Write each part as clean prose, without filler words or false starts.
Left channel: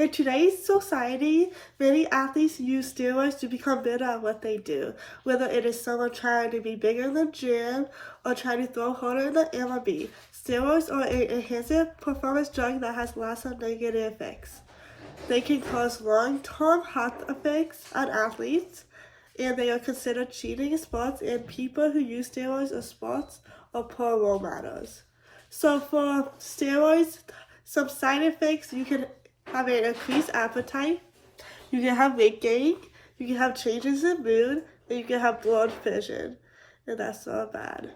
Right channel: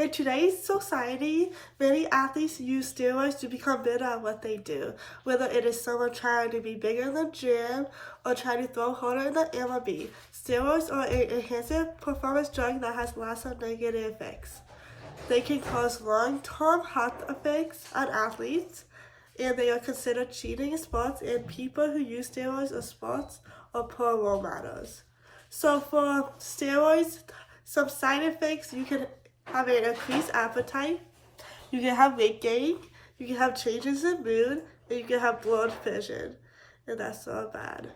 In today's society, many athletes use steroids to become better at what they do, whether it is someone trying to be bigger in the gym or trying to throw harder in the MLB. Steroids are an enhanced performance drug that has lots of negative effects. They can cause long-term health effects on athletes, and they are considered cheating in sports, and people who use steroids in sports are poor role models. So for steroids, some side effects, you can have an increased appetite, you can have weight gain, you can have changes in mood, and you can have blurred vision. And that's so bad.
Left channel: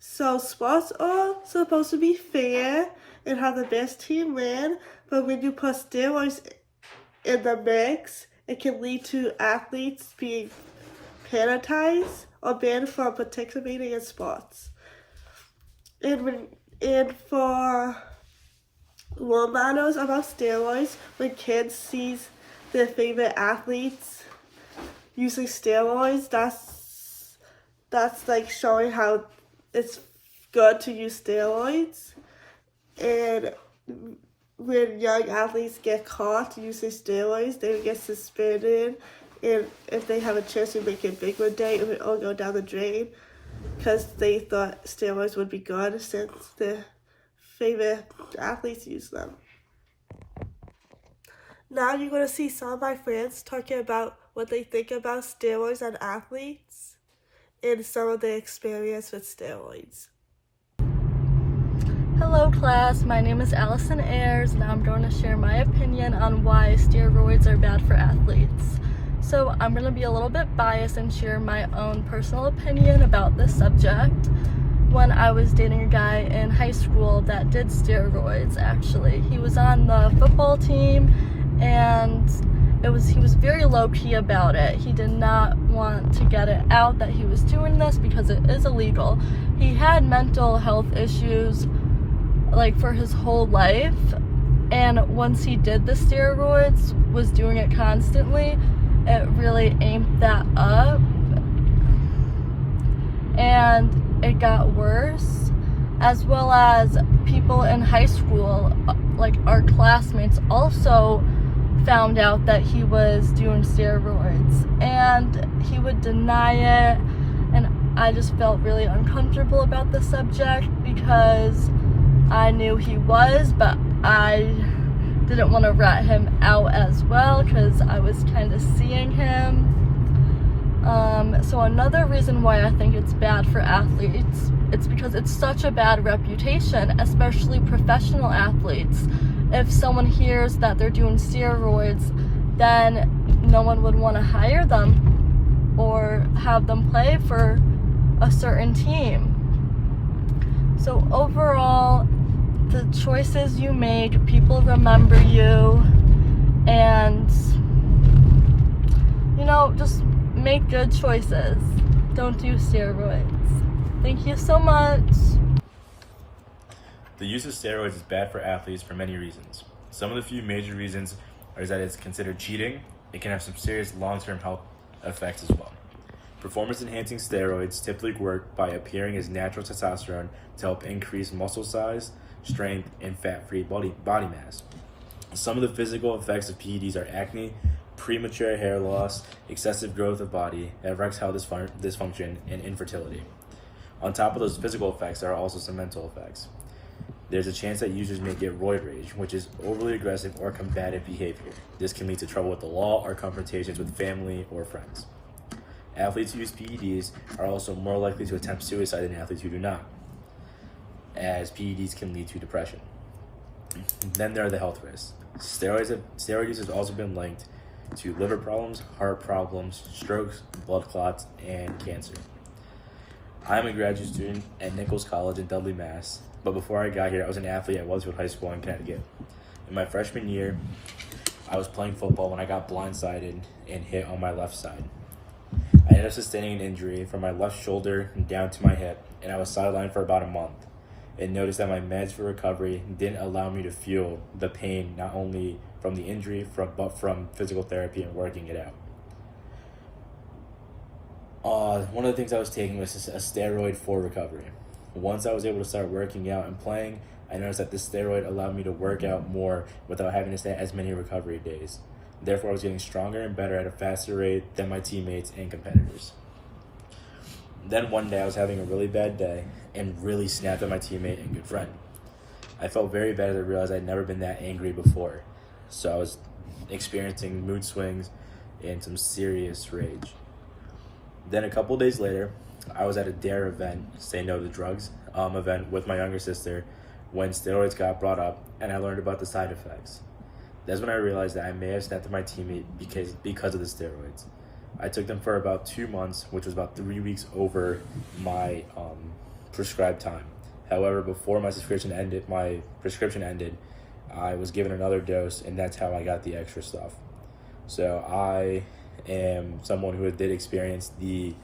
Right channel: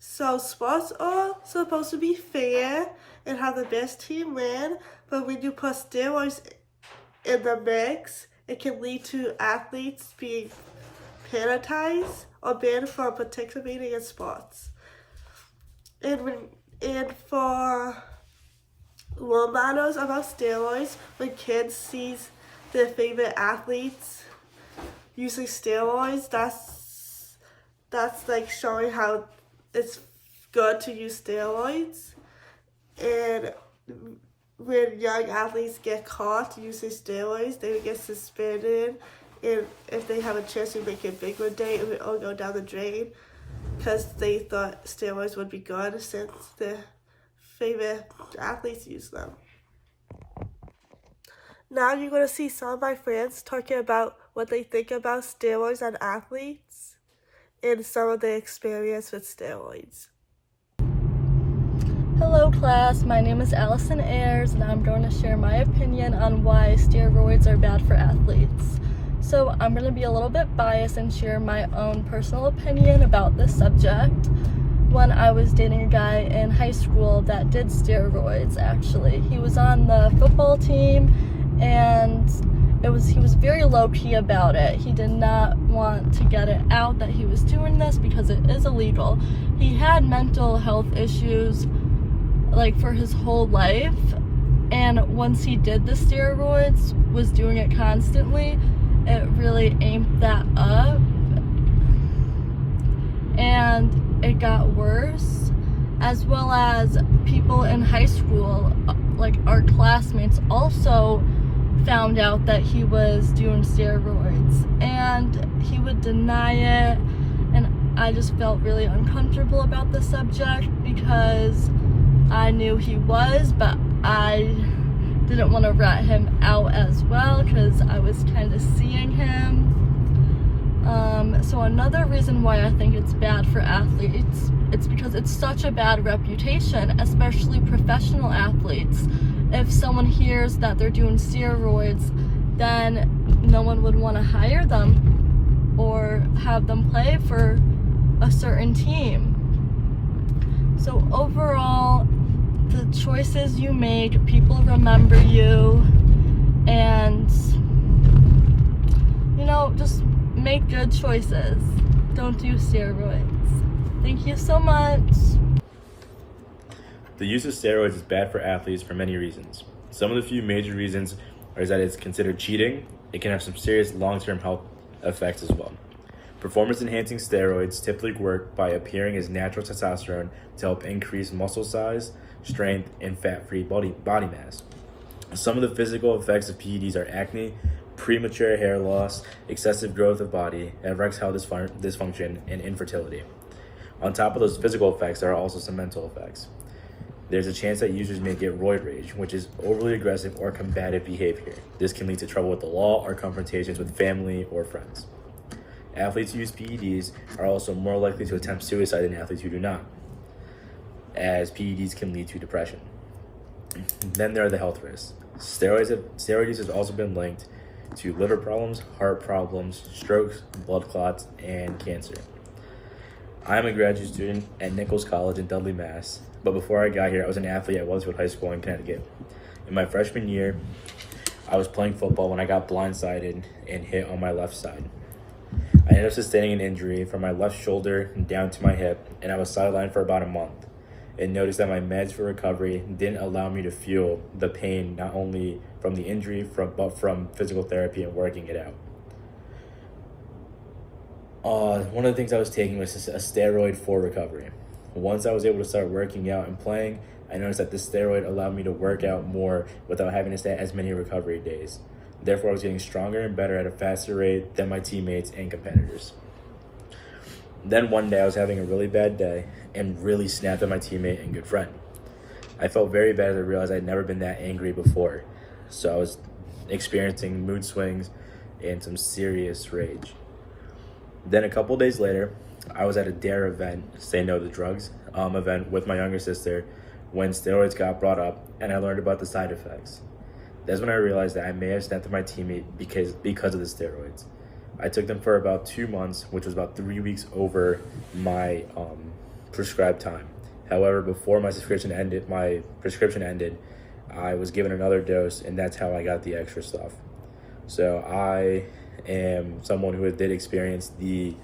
So sports are supposed to be fair and have the best team win, but when you put steroids in the mix, it can lead to athletes being penalized or banned from participating in sports. And for role models about steroids, when kids sees their favorite athletes using steroids, that's like showing how it's good to use steroids. And when young athletes get caught using steroids, they get suspended, and if they have a chance to make it big one day, it would all go down the drain because they thought steroids would be good since their favorite athletes use them. Now you're going to see some of my friends talking about what they think about steroids on athletes and some of their experience with steroids. Hello class, my name is Allison Ayers and I'm going to share my opinion on why steroids are bad for athletes. So I'm going to be a little bit biased and share my own personal opinion about this subject. When I was dating a guy in high school that did steroids, actually. He was on the football team and he was very low-key about it. He did not want to get it out that he was doing this because it is illegal. He had mental health issues like for his whole life, and once he did the steroids, was doing it constantly, it really amped that up and it got worse, as well as people in high school, like our classmates, also found out that he was doing steroids and he would deny it, and I just felt really uncomfortable about the subject because I knew he was, but I didn't want to rat him out as well because I was kind of seeing him. So another reason why I think it's bad for athletes, it's because it's such a bad reputation, especially professional athletes. If someone hears that they're doing steroids, then no one would want to hire them or have them play for a certain team. So overall, the choices you make, people remember you, and just make good choices. Don't do steroids. Thank you so much. The use of steroids is bad for athletes for many reasons. Some of the few major reasons are that it's considered cheating. It can have some serious long-term health effects as well. Performance-enhancing steroids typically work by appearing as natural testosterone to help increase muscle size, strength, and fat-free body mass. Some of the physical effects of PEDs are acne, premature hair loss, excessive growth of body, and erectile dysfunction, and infertility. On top of those physical effects, there are also some mental effects. There's a chance that users may get roid rage, which is overly aggressive or combative behavior. This can lead to trouble with the law or confrontations with family or friends. Athletes who use PEDs are also more likely to attempt suicide than athletes who do not, as PEDs can lead to depression. Then there are the health risks. Steroid use has also been linked to liver problems, heart problems, strokes, blood clots, and cancer. I'm a graduate student at Nichols College in Dudley, Mass. But before I got here, I was an athlete at Wellsfield High School in Connecticut. In my freshman year, I was playing football when I got blindsided and hit on my left side. I ended up sustaining an injury from my left shoulder down to my hip, and I was sidelined for about a month. And noticed that my meds for recovery didn't allow me to feel the pain, not only from the injury, but from physical therapy and working it out. One of the things I was taking was a steroid for recovery. Once I was able to start working out and playing, I noticed that this steroid allowed me to work out more without having to stay as many recovery days. Therefore, I was getting stronger and better at a faster rate than my teammates and competitors. Then one day I was having a really bad day and really snapped at my teammate and good friend. I felt very bad as I realized I'd never been that angry before. So I was experiencing mood swings and some serious rage. Then a couple days later, I was at a DARE event, Say No to Drugs, event with my younger sister when steroids got brought up and I learned about the side effects. That's when I realized that I may have snapped at my teammate because of the steroids. I took them for about 2 months, which was about 3 weeks over my prescribed time. However, before my prescription ended, I was given another dose, and that's how I got the extra stuff. So I am someone who did experience the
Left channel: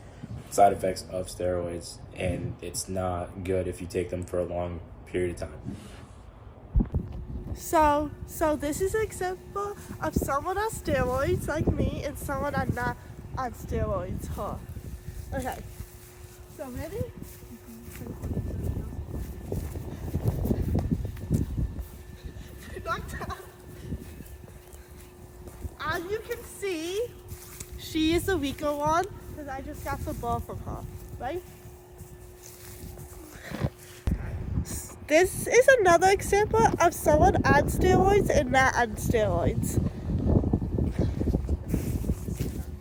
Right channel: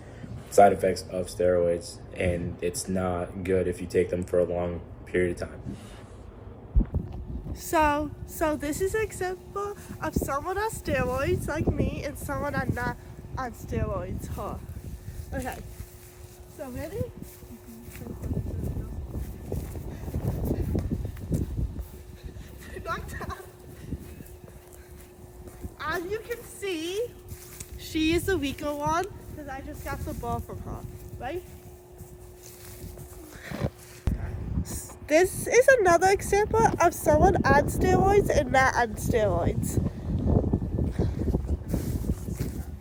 side effects of steroids, and it's not good if you take them for a long period of time. So this is an example of someone on steroids like me and someone not on steroids, huh? Okay, so ready? As you can see, she is the weaker one because I just got the ball from her, right? This is another example of someone on steroids and not on steroids.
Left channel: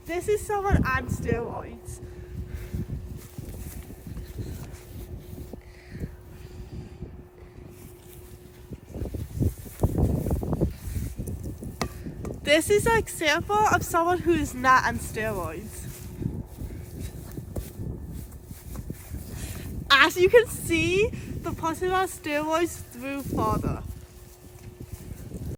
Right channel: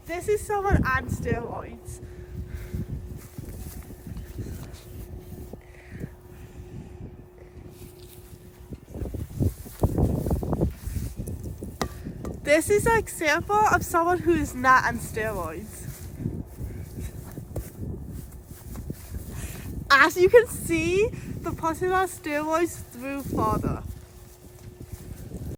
This is someone on steroids. This is an example of someone who is not on steroids. As you can see, the person on steroids threw farther.